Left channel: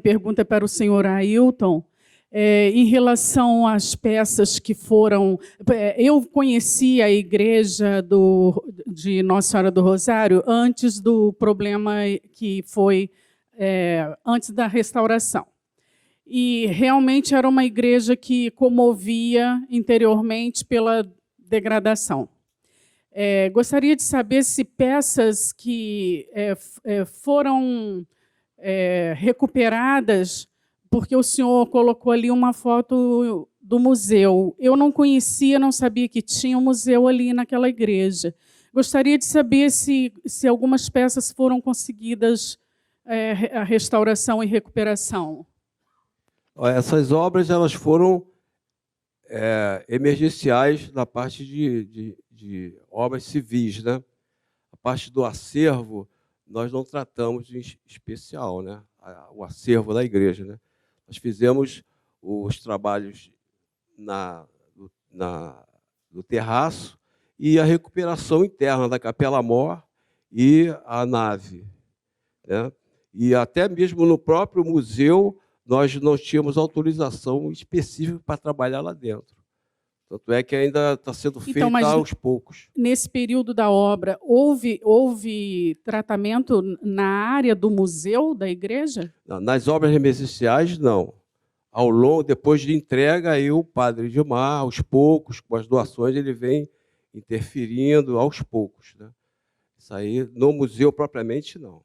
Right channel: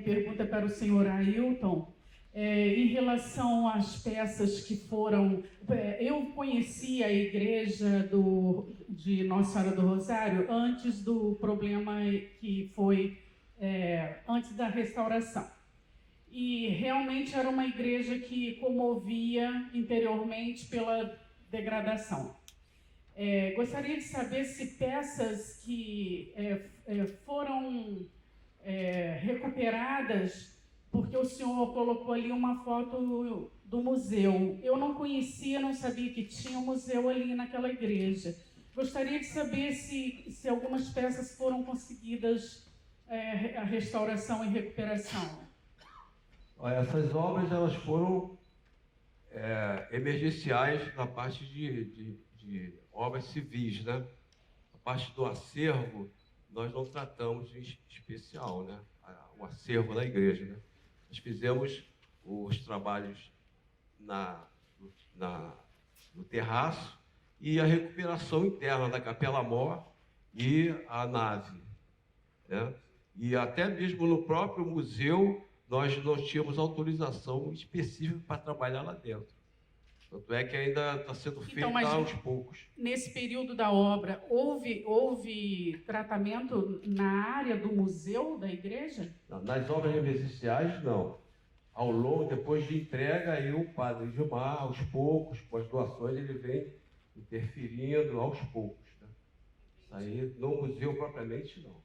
Minha pergunta é para o senhor Ailton. Em relação às peças que foram... Eu conheci a igreja de Nossa Senhora do Rosário antes do problema que foi antes da restauração. E realmente era uma igreja que comovia interiormente pela degradação. Gostaria de saber se peças que foram recuperadas, porque o senhor colocou ali uma foto do museu. Eu não conhecia, não sabia que tinha um museu ali naquela igreja. Gostaria de saber se algumas peças foram conseguidas a restauração e recuperação. Essas obras elas foram emergenciais na parte de obras civis, né? A parte do acervo nós não tratamos em especial, né? O acervo da igreja, né? Nós fizemos os trabalhos no terraço e a recuperação interna da capela-mor e a nave, né? E até mesmo no próprio museu nós não tínhamos autorização específica para trabalhar lá dentro. Tanto é que ainda está sendo feito aos poucos. Nesse período da obra, houve tratamento na área do museu da igreja? Não, nas obras emergenciais, não. Ao longo, depois de entrega, aí o padre Edmar, aos poucos, com as doações, ele vem interferindo aos poucos, né? Isso aí, no museu propriamente, não.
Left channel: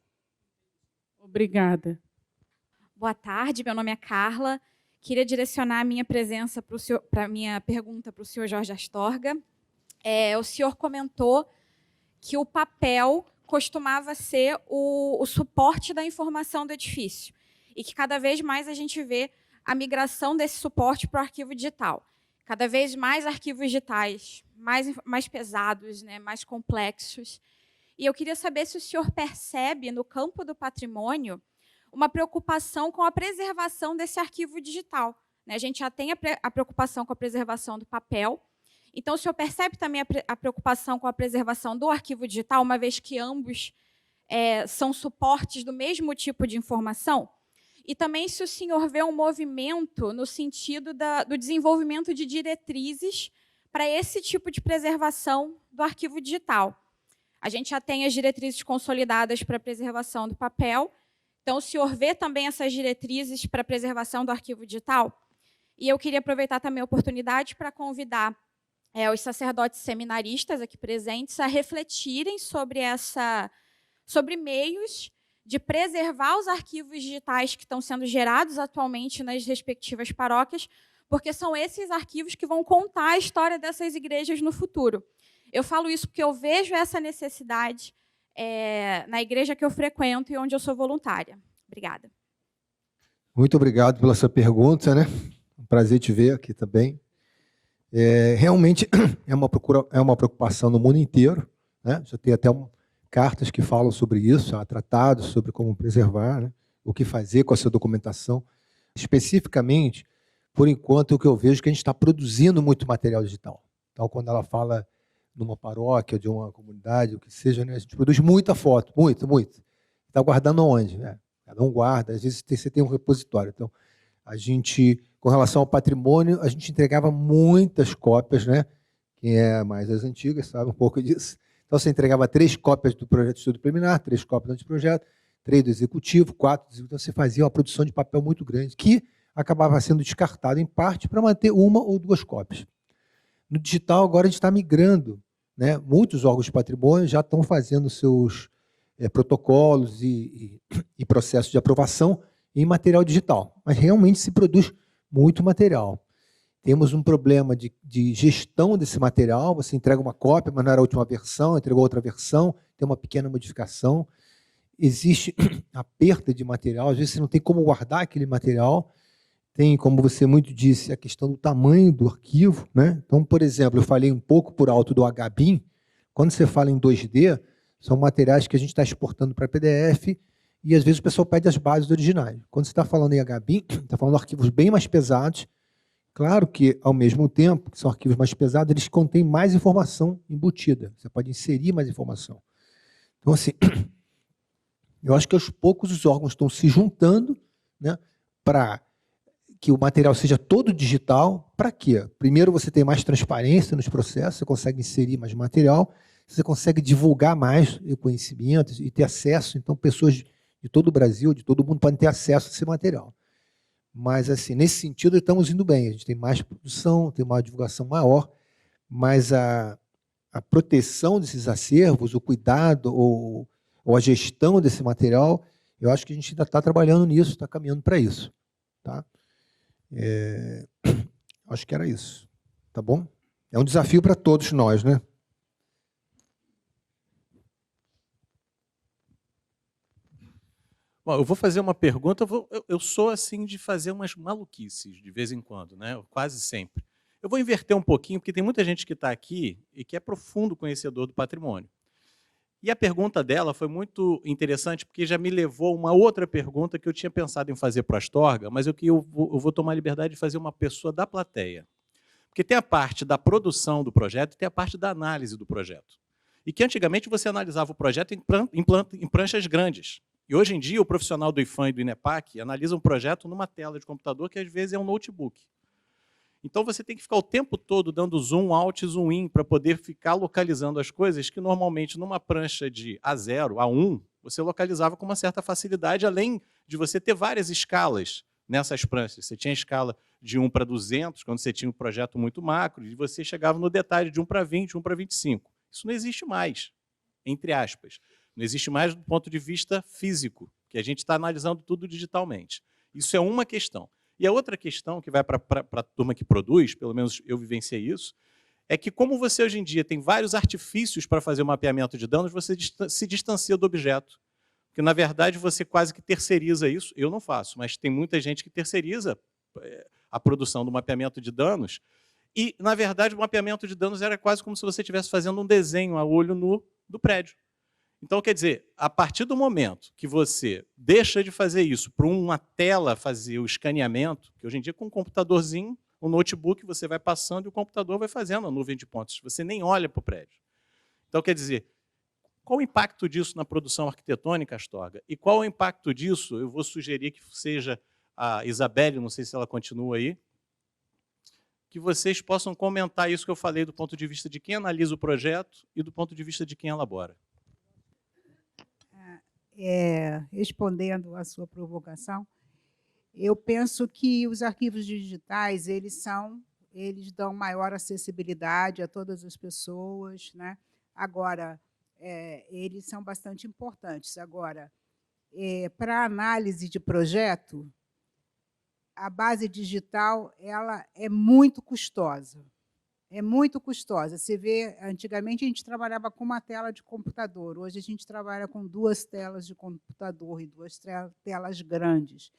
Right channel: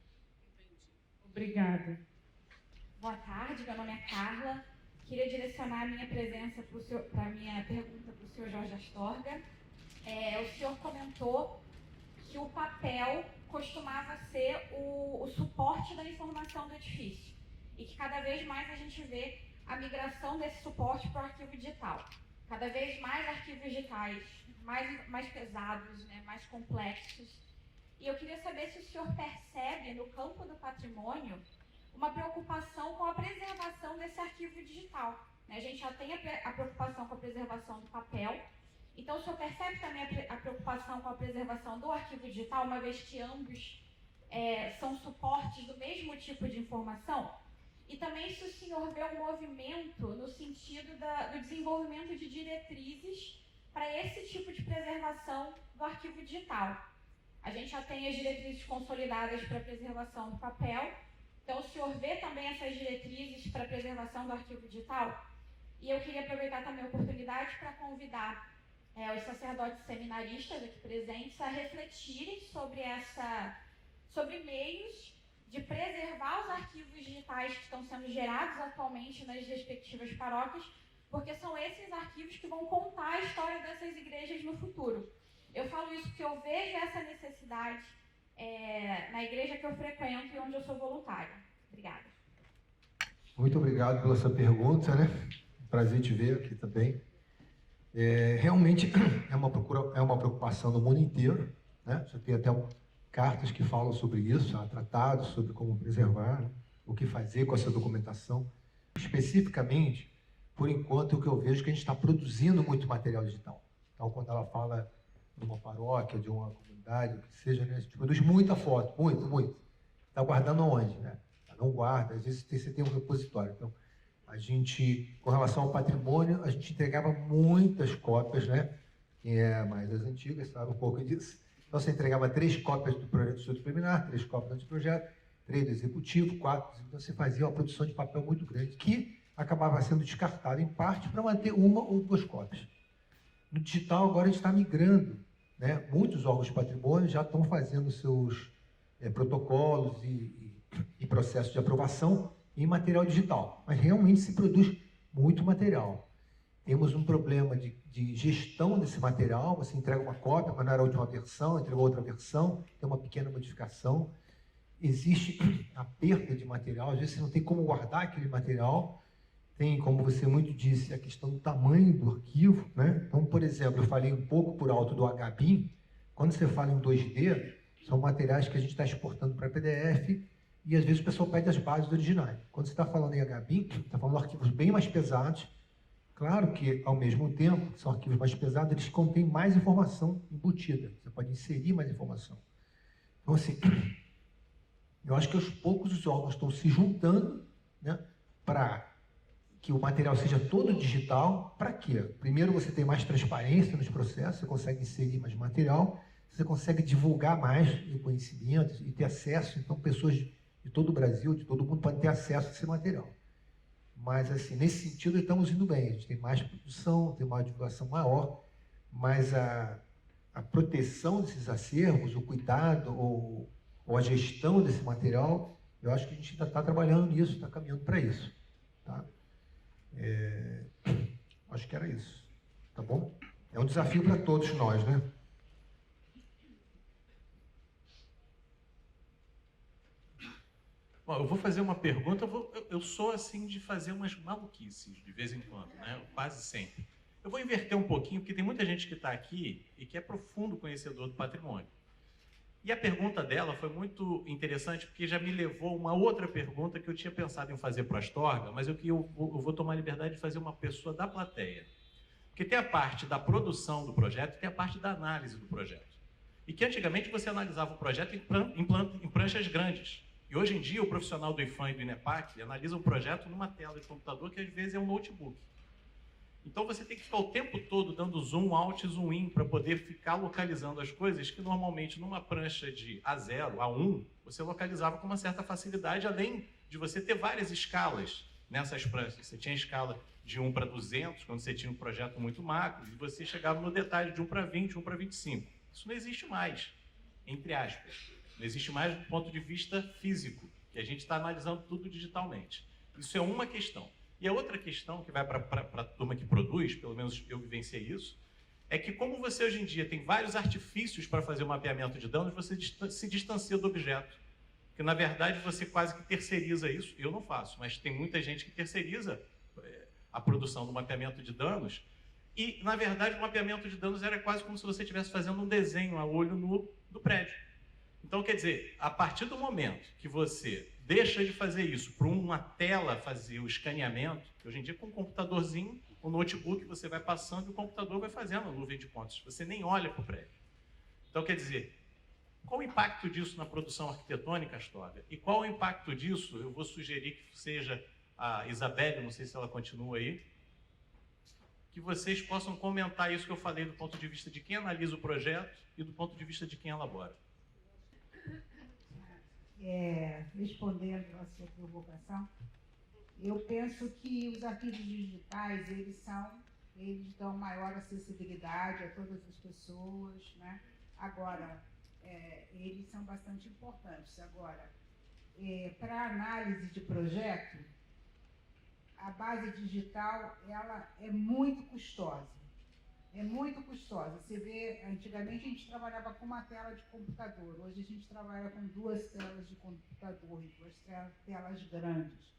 Obrigada. Boa tarde, meu nome é Carla. Queria direcionar a minha presença para a minha pergunta para o senhor Jorge Astorga. O senhor comentou que o papel costumava ser o suporte da informação do edifício e que cada vez mais a gente vê a migração desse suporte para o arquivo digital. Cada vez mais arquivos digitais, mais pesados, né, mais complexos. E eu queria saber se o senhor percebe, no campo do patrimônio, uma preocupação com a preservação desse arquivo digital, né? A gente já tem a preocupação com a preservação do papel. Então, o senhor percebe também a preocupação com a preservação do arquivo digital, uma vez que ambos são suportes do mesmo tipo de informação? E também se o senhor vê um movimento no sentido do desenvolvimento de diretrizes para esse tipo de preservação do arquivo digital. A gente já tem as diretrizes consolidadas para a preservação do papel. Então, o senhor vê também essas diretrizes para a preservação do arquivo digital? E eu queria aproveitar também a oportunidade para convidar os sacerdotes seminaristas aqui presentes a refletirem sobre meios de preservar os arquivos digitais que estão sendo gerados atualmente nas respectivas paróquias, porque são esses arquivos que vão contar a história dessas igrejas no futuro. Eu falo isso porque eu vejo essa necessidade na igreja que eu frequento e onde eu sou voluntária. Obrigada. Muito obrigado pela sua pergunta, né? Um prazer te ver aqui também. Realmente é uma preocupação no mundo inteiro, né? Já tem até cartas que falam sobre isso, há tratados sobre como preservar, né? O que fazer com essa documentação. Especificamente, por enquanto, o que eu vejo é que a gente está produzindo muito material digital. Então, quando ela fala numa paróquia, de uma comunidade, o que seja, né? A gente produz muita foto, muito. Está guardando onde? Né? Não guarda, às vezes você tem um repositório. Então, a gente, com relação ao patrimônio, a gente entregava muitas cópias, né? Quem é mais das antigas sabe um pouco disso. Então, você entregava 3 cópias do projeto de estudo preliminar, 3 cópias do anteprojeto, 3 do executivo, 4 do executivo. Então, você fazia uma produção de papel muito grande, que acabava sendo descartado, em parte, para manter 1 ou 2 cópias. No digital, agora, a gente está migrando, né? Muitos órgãos de patrimônio já estão fazendo seus protocolos e processos de aprovação em material digital, mas realmente se produz muito material. Temos um problema de gestão desse material, você entrega uma cópia, mas não era a última versão, entregou outra versão, tem uma pequena modificação. Existe a perda de material, às vezes você não tem como guardar aquele material, tem, como você muito disse, a questão do tamanho do arquivo, né? Então, por exemplo, eu falei um pouco por alto do HBIM, quando você fala em 2D, são materiais que a gente está exportando para PDF e, às vezes, o pessoal pede as bases originais. Quando você está falando em HBIM, está falando de arquivos bem mais pesados. Claro que, ao mesmo tempo, que são arquivos mais pesados, eles contêm mais informação embutida. Você pode inserir mais informação. Então, assim, eu acho que aos poucos os órgãos estão se juntando, né, para que o material seja todo digital. Para quê? Primeiro, você tem mais transparência nos processos, você consegue inserir mais material, você consegue divulgar mais o conhecimento e ter acesso. Então, pessoas de todo o Brasil, de todo o mundo, podem ter acesso a esse material. Mas, assim, nesse sentido, estamos indo bem. A gente tem mais produção, tem uma divulgação maior, mas a proteção desses acervos, o cuidado ou a gestão desse material, eu acho que a gente ainda está trabalhando nisso, está caminhando para isso. Tá? Acho que era isso. Tá bom? É um desafio para todos nós, né? Bom, eu vou fazer uma pergunta, eu sou assim de fazer umas maluquices de vez em quando, né? Quase sempre. Eu vou inverter um pouquinho, porque tem muita gente que está aqui e que é profundo conhecedor do patrimônio. E a pergunta dela foi muito interessante, porque já me levou a uma outra pergunta que eu tinha pensado em fazer para a Astorga, mas eu vou tomar a liberdade de fazer uma pessoa da plateia. Porque tem a parte da produção do projeto e tem a parte da análise do projeto. E que antigamente você analisava o projeto em pranchas grandes. E hoje em dia o profissional do IFAM e do INEPAC analisa um projeto numa tela de computador que às vezes é um notebook. Então você tem que ficar o tempo todo dando zoom out, zoom in, para poder ficar localizando as coisas que normalmente numa prancha de A0, A1, você localizava com uma certa facilidade, além de você ter várias escalas nessas pranchas. Você tinha a escala de 1 para 200, quando você tinha um projeto muito macro, e você chegava no detalhe de 1 para 20, 1 para 25. Isso não existe mais, entre aspas. Não existe mais do ponto de vista físico, que a gente está analisando tudo digitalmente. Isso é uma questão. E a outra questão, que vai para a turma que produz, pelo menos eu vivenciei isso, é que como você hoje em dia tem vários artifícios para fazer o mapeamento de danos, você se distancia do objeto. Porque, na verdade, você quase que terceiriza isso. Eu não faço, mas tem muita gente que terceiriza a produção do mapeamento de danos. E, na verdade, o mapeamento de danos era quase como se você estivesse fazendo um desenho a olho nu do prédio. Então, quer dizer, a partir do momento que você deixa de fazer isso para uma tela fazer o escaneamento, que hoje em dia com um computadorzinho, um notebook, você vai passando e o computador vai fazendo a nuvem de pontos. Você nem olha para o prédio. Então, quer dizer, qual o impacto disso na produção arquitetônica, Astorga? E qual o impacto disso? Eu vou sugerir que seja a Isabelle, não sei se ela continua aí, que vocês possam comentar isso que eu falei do ponto de vista de quem analisa o projeto e do ponto de vista de quem elabora. Respondendo à sua provocação, eu penso que os arquivos digitais eles dão maior acessibilidade a todas as pessoas, né? Agora, eles são bastante importantes. Agora, para análise de projeto, a base digital ela é muito custosa. É muito custosa. Você vê, antigamente a gente trabalhava com uma tela de computador, hoje a gente trabalha com 2 telas de computador e 2 telas grandes.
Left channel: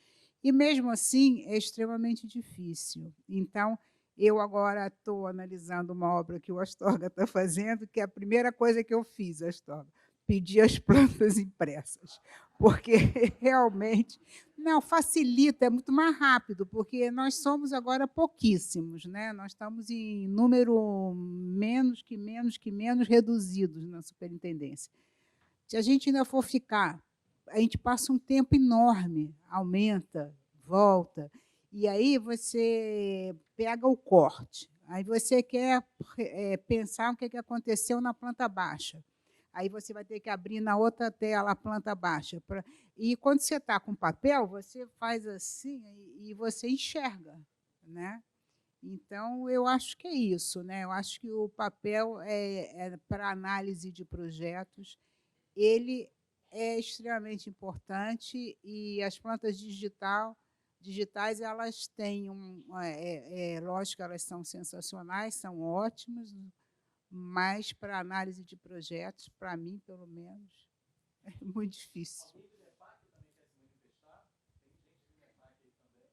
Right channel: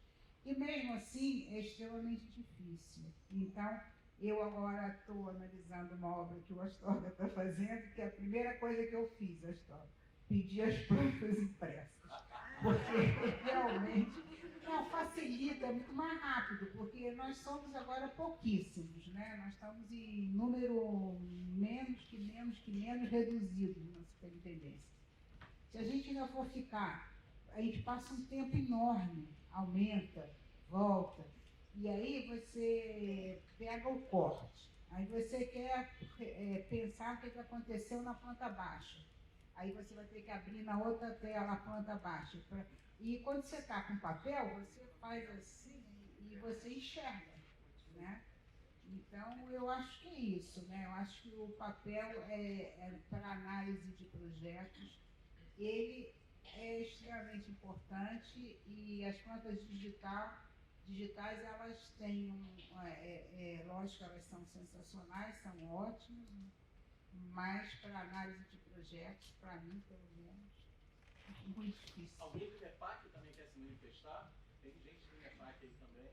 E, mesmo assim, é extremamente difícil. Então, eu agora estou analisando uma obra que o Astorga está fazendo, que é a primeira coisa que eu fiz, Astorga, pedir as plantas impressas. Porque, realmente... Não, facilita, é muito mais rápido, porque nós somos agora pouquíssimos, né? Nós estamos em número menos reduzidos na superintendência. Se a gente ainda for ficar, a gente passa um tempo enorme, aumenta, volta, e aí você pega o corte, aí você quer pensar o que aconteceu na planta baixa, aí você vai ter que abrir na outra tela a planta baixa. E, quando você está com papel, você faz assim e você enxerga, né? Então, eu acho que é isso, né? Eu acho que o papel, para análise de projetos, ele é extremamente importante, e as plantas digitais, elas têm lógico, elas são sensacionais, são ótimas, mas para análise de projetos, para mim, pelo menos, é muito difícil. Alguém do INEPAC também quer se manifestar? Tem gente do INEPAC aí também?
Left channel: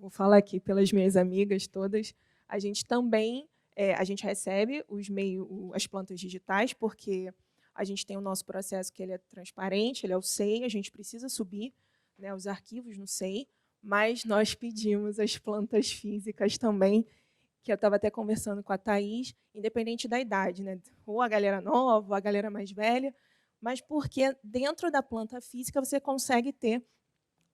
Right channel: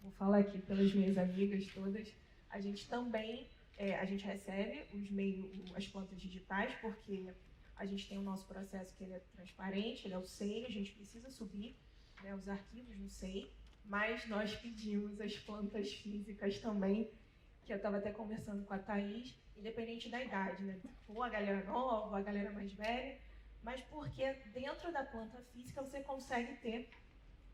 Vou falar aqui pelas minhas amigas todas. A gente também a gente recebe as plantas digitais, porque a gente tem o nosso processo que ele é transparente, ele é o SEI, a gente precisa subir, né, os arquivos no SEI, mas nós pedimos as plantas físicas também, que eu estava até conversando com a Thaís, independente da idade, né? Ou a galera nova, ou a galera mais velha, mas porque dentro da planta física você consegue ter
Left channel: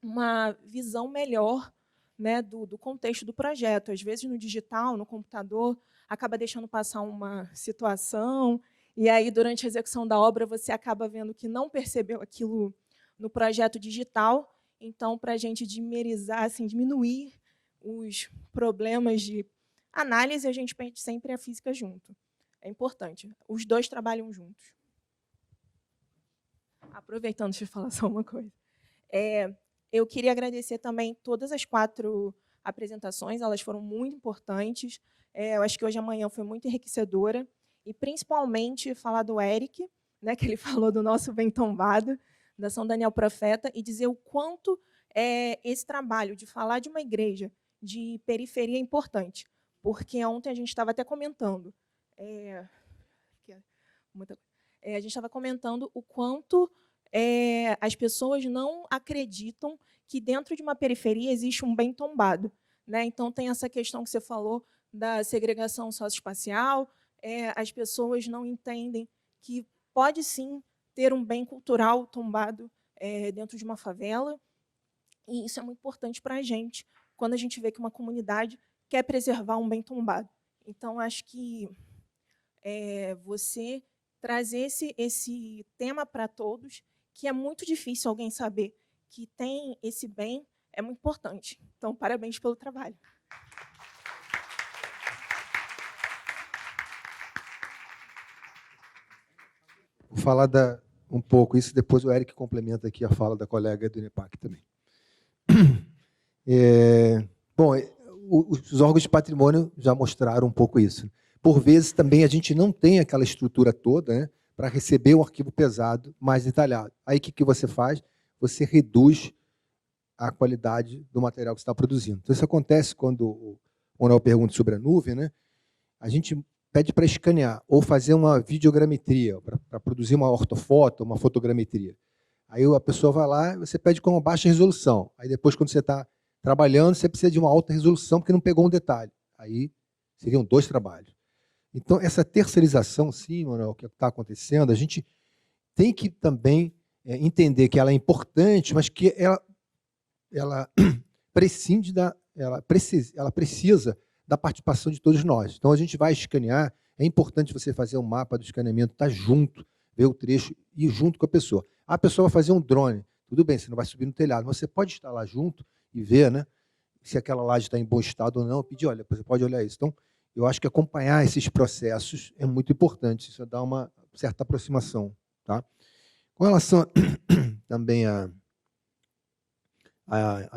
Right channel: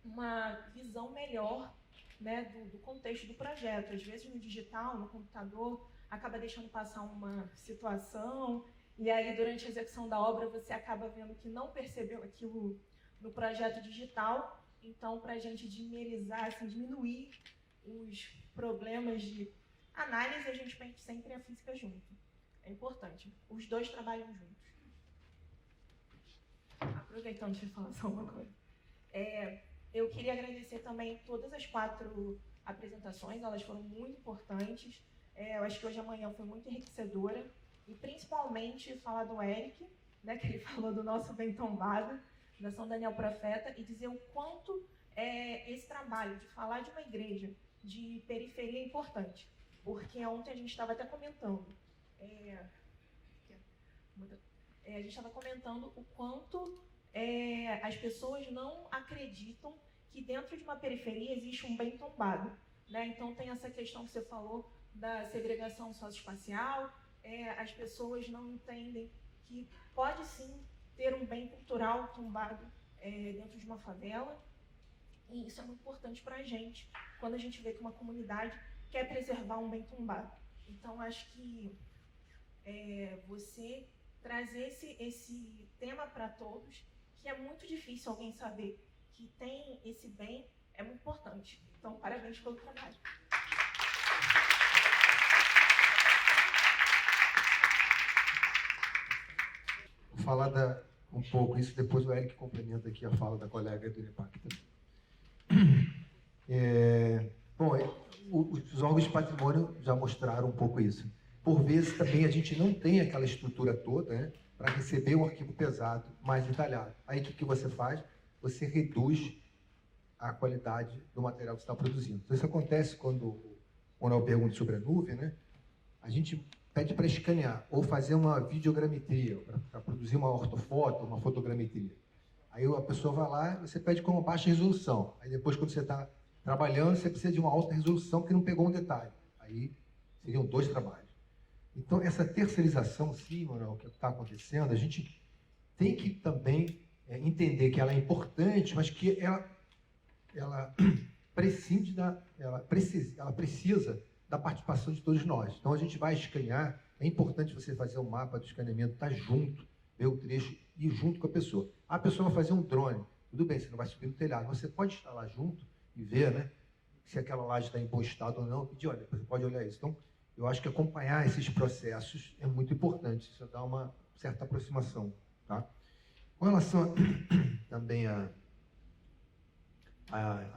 uma visão melhor, né, do contexto do projeto. Às vezes, no digital, no computador, acaba deixando passar uma situação, e aí, durante a execução da obra, você acaba vendo que não percebeu aquilo no projeto digital. Então, para a gente dimerizar, assim, diminuir os problemas de análise, a gente pensa sempre a física junto. É importante. Os dois trabalham juntos. Aproveitando, deixa eu falar só uma coisa. Eu queria agradecer também todas as 4 apresentações, elas foram muito importantes. Eu acho que hoje a manhã foi muito enriquecedora, e principalmente falar do Eric, né, que ele falou do nosso Bem Tombado, da São Daniel Profeta, e dizer o quanto esse trabalho de falar de uma igreja de periferia é importante. Porque ontem a gente estava até comentando, a gente estava comentando o quanto as pessoas não acreditam que dentro de uma periferia existe um bem tombado, né? Então, tem essa questão que você falou da segregação socioespacial, as pessoas não entendem que pode, sim, ter um bem cultural tombado dentro de uma favela, e isso é muito importante para a gente, quando a gente vê que uma comunidade quer preservar um bem tombado. Então, acho que você trazer esse tema para todos, que é muito difícil alguém saber que tem esse bem, é muito importante. Então, parabéns pelo trabalho. Vou falar um pouco isso, depois o Eric complementa aqui a fala da colega do INEPAC também. Bom, os órgãos de patrimônio já mostraram um pouco isso. Por vezes, também, a gente não tem aquela estrutura toda, né, para receber um arquivo pesado mais detalhado. Aí, o que você faz? Você reduz a qualidade do material que você está produzindo. Então, isso acontece quando o Manuel pergunta sobre a nuvem, né? A gente pede para escanear ou fazer uma videogrametria, para produzir uma ortofoto, uma fotogrametria. Aí a pessoa vai lá, você pede com uma baixa resolução. Aí depois, quando você está trabalhando, você precisa de uma alta resolução porque não pegou um detalhe. Aí seriam 2 trabalhos. Então, essa terceirização, sim, Manuel, que está acontecendo, a gente tem que também entender que ela é importante, mas que ela precisa da participação de todos nós. Então, a gente vai escanear, é importante você fazer o mapa do escaneamento, estar junto, ver o trecho e ir junto com a pessoa. A pessoa vai fazer um drone, tudo bem, você não vai subir no telhado, mas você pode estar lá junto e ver, né, se aquela laje está em bom estado ou não, pedir, olha, você pode olhar isso. Então, eu acho que acompanhar esses processos é muito importante, isso dá uma certa aproximação. Tá? Com relação também à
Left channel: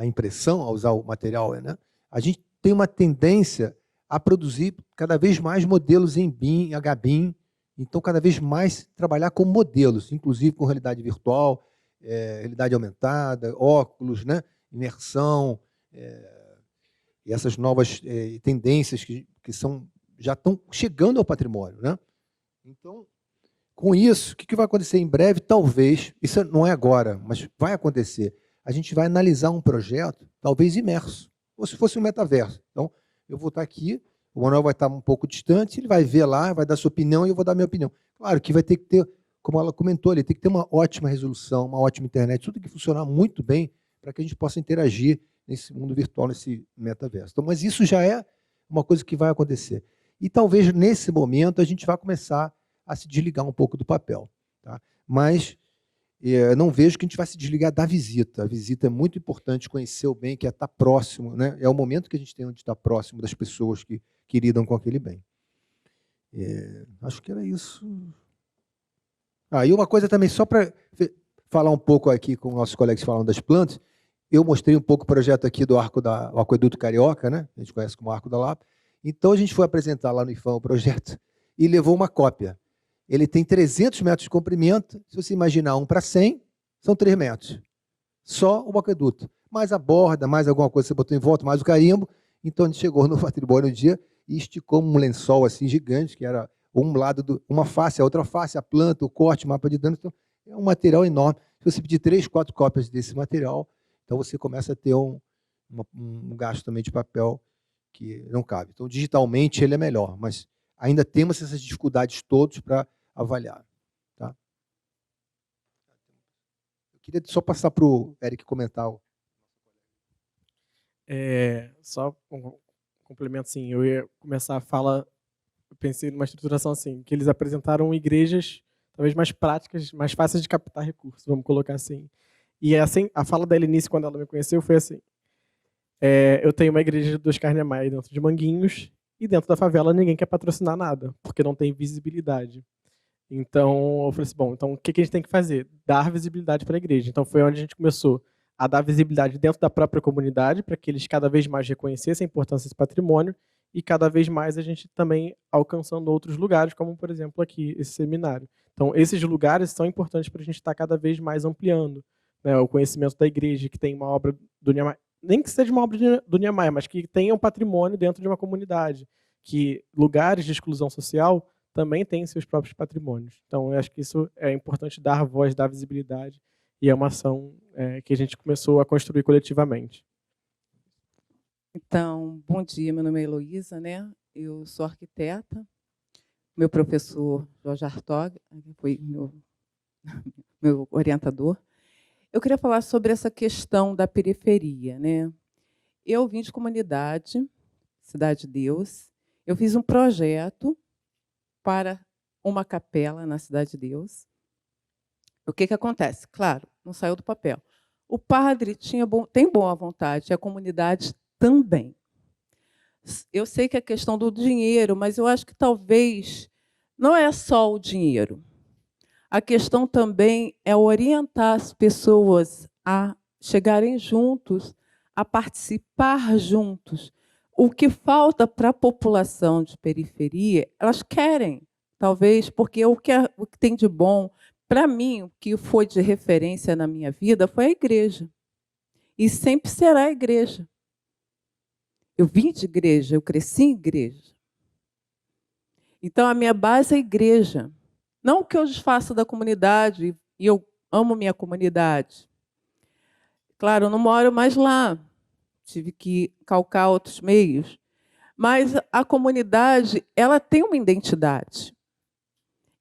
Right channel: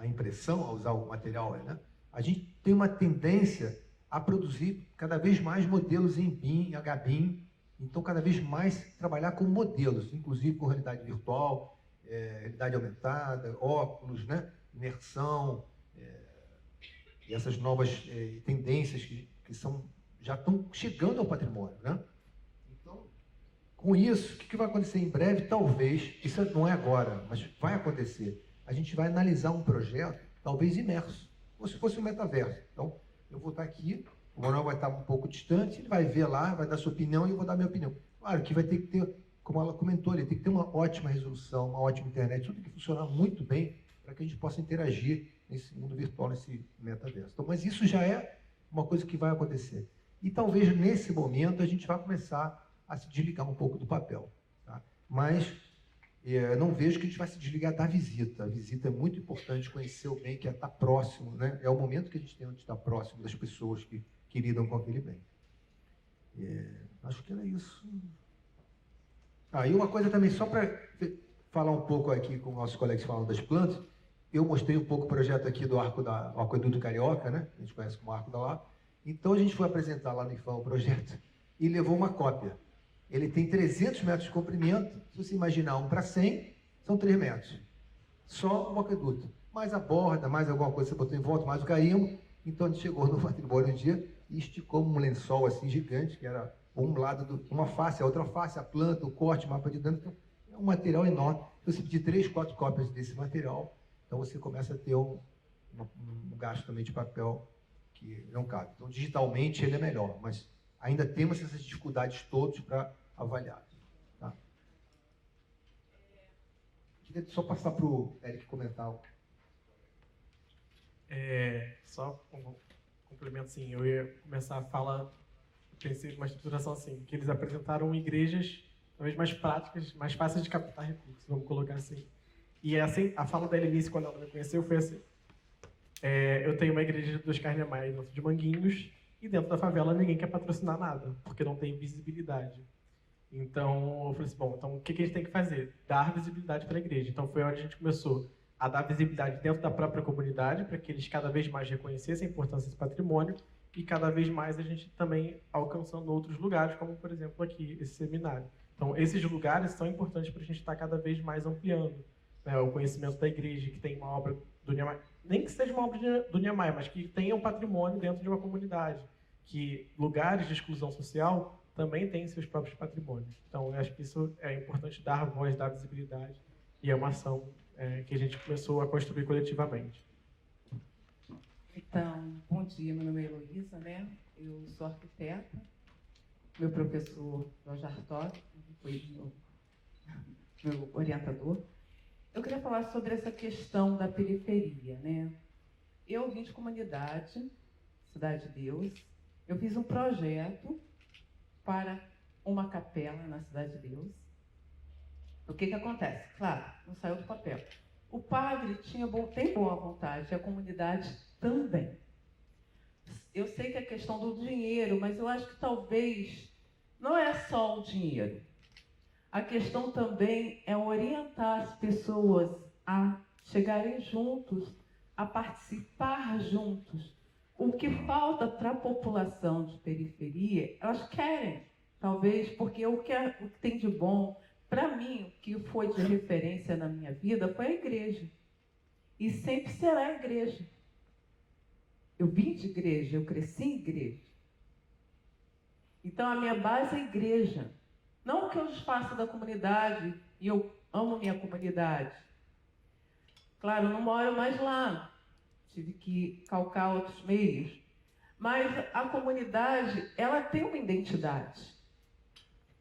impressão, a usar o material, né, a gente tem uma tendência a produzir cada vez mais modelos em BIM, HBIM, então cada vez mais trabalhar com modelos, inclusive com realidade virtual, realidade aumentada, óculos, né, imersão, e essas novas tendências que já estão chegando ao patrimônio. Né? Então, com isso, o que vai acontecer em breve? Talvez, isso não é agora, mas vai acontecer. A gente vai analisar um projeto, talvez imerso, ou se fosse um metaverso. Então, eu vou estar aqui, o Manuel vai estar um pouco distante, ele vai ver lá, vai dar sua opinião e eu vou dar minha opinião. Claro que vai ter que ter, como ela comentou ali, tem que ter uma ótima resolução, uma ótima internet, tudo tem que funcionar muito bem para que a gente possa interagir nesse mundo virtual, nesse metaverso. Então, mas isso já é uma coisa que vai acontecer. E talvez, nesse momento, a gente vá começar a se desligar um pouco do papel. Tá? Mas não vejo que a gente vai se desligar da visita. A visita é muito importante, conhecer o bem, que é estar próximo. Né? É o momento que a gente tem de estar próximo das pessoas que lidam com aquele bem. Acho que era isso. E uma coisa também, só para falar um pouco aqui com nossos colegas falando das plantas, eu mostrei um pouco o projeto aqui do Aqueduto Carioca, né? A gente conhece como Arco da Lapa. Então, a gente foi apresentar lá no IFAM o projeto e levou uma cópia. Ele tem 300 metros de comprimento. Se você imaginar 1 para 100, são 3 metros. Só o aqueduto. Mais a borda, mais alguma coisa que você botou em volta, mais o carimbo. Então, a gente chegou no patrimônio um dia e esticou um lençol assim gigante, que era um lado, uma face, a outra face, a planta, o corte, o mapa de danos. Então, é um material enorme. Se você pedir 3, 4 cópias desse material, então você começa a ter um gasto também de papel que não cabe. Então, digitalmente, ele é melhor, mas ainda temos essas dificuldades todas para avaliar. Tá? Queria só passar para o Eric comentar Só um complemento, assim, eu ia começar a fala, eu pensei numa estruturação assim, que eles apresentaram igrejas talvez mais práticas, mais fáceis de captar recursos, vamos colocar assim. E assim, a fala da Helenice, quando ela me conheceu, foi assim: eu tenho uma igreja dos Carnemais dentro de Manguinhos, e dentro da favela ninguém quer patrocinar nada, porque não tem visibilidade. Então, eu falei assim, bom, então o que a gente tem que fazer? Dar visibilidade para a igreja. Então, foi onde a gente começou a dar visibilidade dentro da própria comunidade, para que eles cada vez mais reconhecessem a importância desse patrimônio, e cada vez mais a gente também alcançando outros lugares, como, por exemplo, aqui, esse seminário. Então, esses lugares são importantes para a gente estar cada vez mais ampliando, né, o conhecimento da igreja, que tem uma obra do Niemeyer, nem que seja uma obra do Niemeyer, mas que tenha um patrimônio dentro de uma comunidade, que lugares de exclusão social também têm seus próprios patrimônios. Então, eu acho que isso é importante, dar voz, dar visibilidade, e é uma ação que a gente começou a construir coletivamente. Então, bom dia, meu nome é Heloísa, né? Eu sou arquiteta. Meu professor Jorge Artog foi meu orientador. Eu queria falar sobre essa questão da periferia, né? Eu vim de comunidade, Cidade de Deus. Eu fiz um projeto para uma capela na Cidade de Deus. O que acontece? Claro, não saiu do papel. O padre tem boa vontade, a comunidade também. Eu sei que é questão do dinheiro, mas eu acho que talvez não é só o dinheiro. A questão também é orientar as pessoas a chegarem juntos, a participar juntos. O que falta para a população de periferia, elas querem, talvez, porque o que tem de bom, para mim, o que foi de referência na minha vida foi a igreja. E sempre será a igreja. Eu vim de igreja, eu cresci em igreja. Então, a minha base é a igreja. Não o que eu faço da comunidade, e eu amo minha comunidade. Claro, eu não moro mais lá. Tive que calcar outros meios. Mas a comunidade, ela tem uma identidade.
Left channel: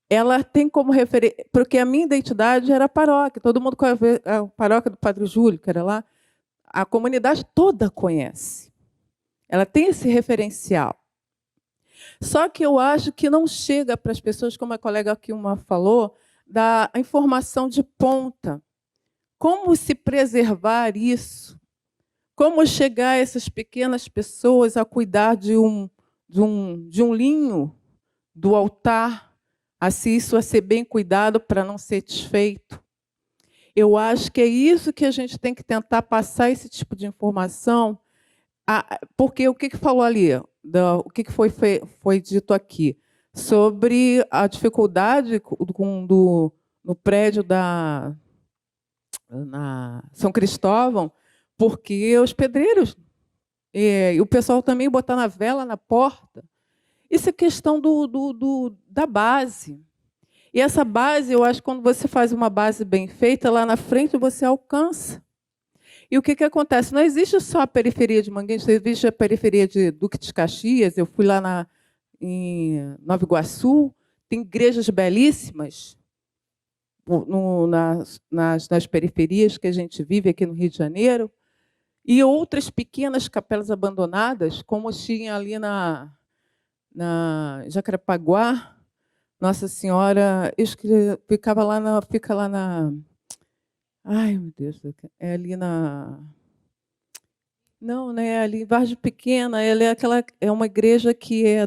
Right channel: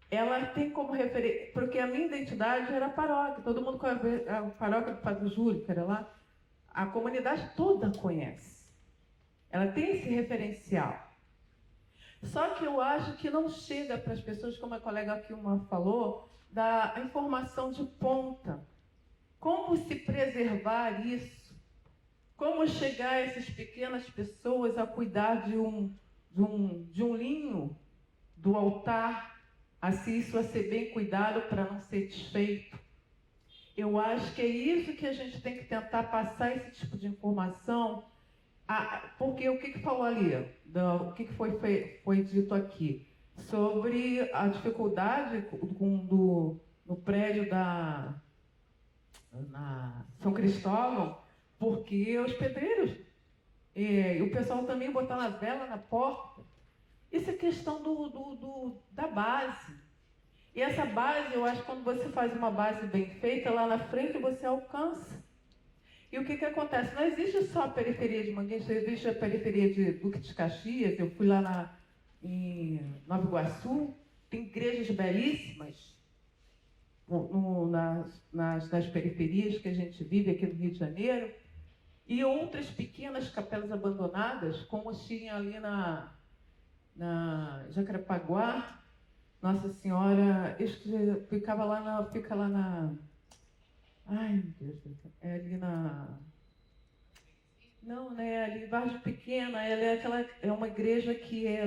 Ela tem como referência... Porque a minha identidade era a paróquia. Todo mundo conhece a paróquia do Padre Júlio, que era lá. A comunidade toda conhece. Ela tem esse referencial. Só que eu acho que não chega para as pessoas, como a colega aqui uma falou, da informação de ponta. Como se preservar isso? Como chegar a essas pequenas pessoas a cuidar de um linho do altar, a ser bem cuidado para não ser desfeito? Eu acho que é isso que a gente tem que tentar passar, esse tipo de informação. Porque o que falou ali, o que foi dito aqui, sobre a dificuldade no prédio na São Cristóvão, porque os pedreiros, e o pessoal também botar na vela na porta. Isso é questão da base. E essa base, eu acho que quando você faz uma base bem feita, lá na frente você alcança. E o que acontece? Não existe só a periferia de Manguinhos, existe a periferia de Duque de Caxias. Eu fui lá em Nova Iguaçu, tem igrejas belíssimas nas periferias que a gente vive aqui no Rio de Janeiro, e outras pequenas capelas abandonadas, como tinha ali na Jacarepaguá, Nossa Senhora, fica lá na... Ai, meu Deus, é ali na... Não, né? Ali em Vargem Pequena, ela é uma igreja que é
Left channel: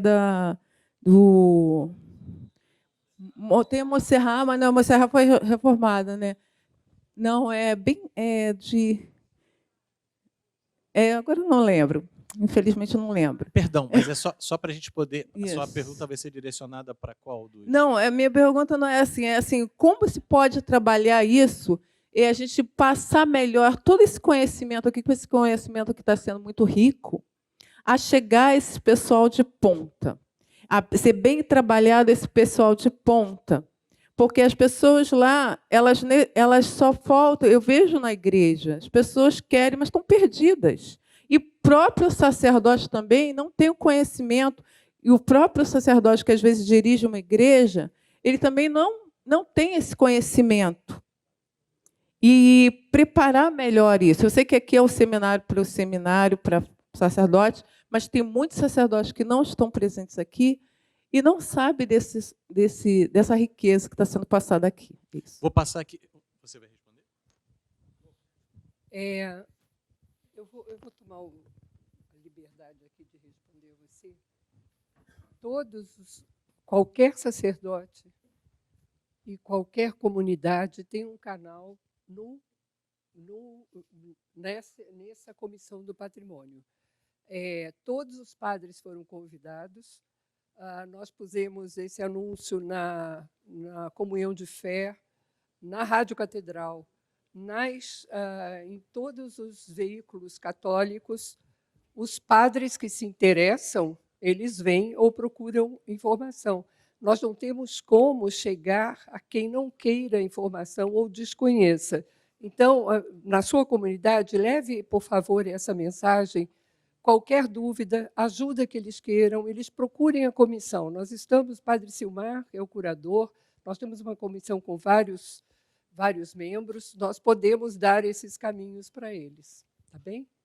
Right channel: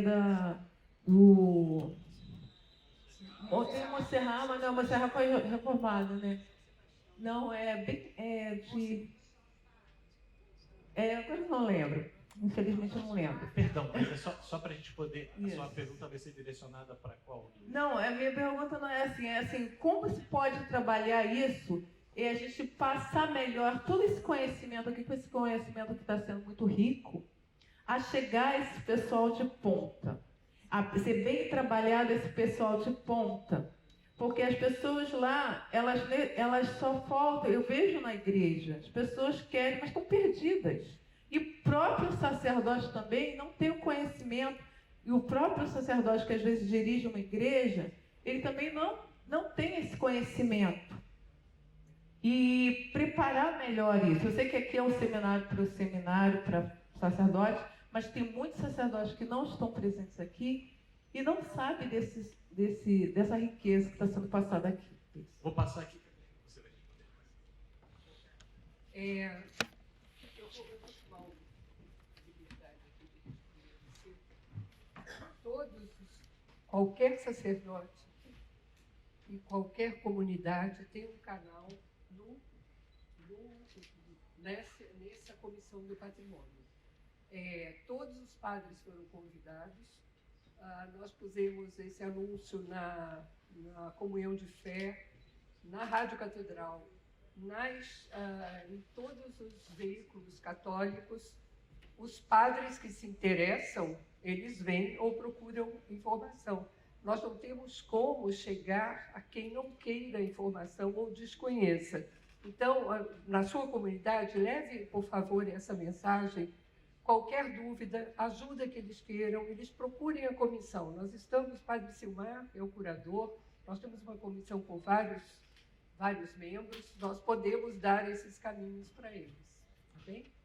tem a Monserrat, mas não, a Monserrat foi reformada, né? Não, agora eu não lembro. Infelizmente, eu não lembro. Perdão, mas é só para a gente poder... A sua pergunta vai ser direcionada para qual? Não, a minha pergunta não é assim, como se pode trabalhar isso e a gente passar melhor todo esse conhecimento aqui, com esse conhecimento que está sendo muito rico, a chegar a esse pessoal de ponta, a ser bem trabalhado esse pessoal de ponta. Porque as pessoas lá, elas só faltam... Eu vejo na igreja, as pessoas querem, mas estão perdidas. E o próprio sacerdote também não tem o conhecimento, e o próprio sacerdote, que às vezes dirige uma igreja, ele também não tem esse conhecimento. e preparar melhor isso. Eu sei que aqui é o seminário para sacerdotes, mas tem muitos sacerdotes que não estão presentes aqui e não sabem dessa riqueza que está sendo passada aqui. Isso. Vou passar aqui. Você vai responder? Eu vou tomar a liberdade aqui de responder você. Qualquer sacerdote e qualquer comunidade tem um canal nessa comissão do patrimônio. Todos os padres foram convidados. Nós pusemos esse anúncio na comunhão de fé, na Rádio Catedral, em todos os veículos católicos. Os padres que se interessam, eles vêm ou procuram informação. Nós não temos como chegar a quem não queira informação ou desconheça. Então, na sua comunidade, leve, por favor, essa mensagem. Qualquer dúvida, ajuda que eles queiram, eles procurem a comissão. Nós estamos, Padre Silmar é o curador, nós temos uma comissão com vários membros, nós podemos dar esses caminhos para eles. Tá bem?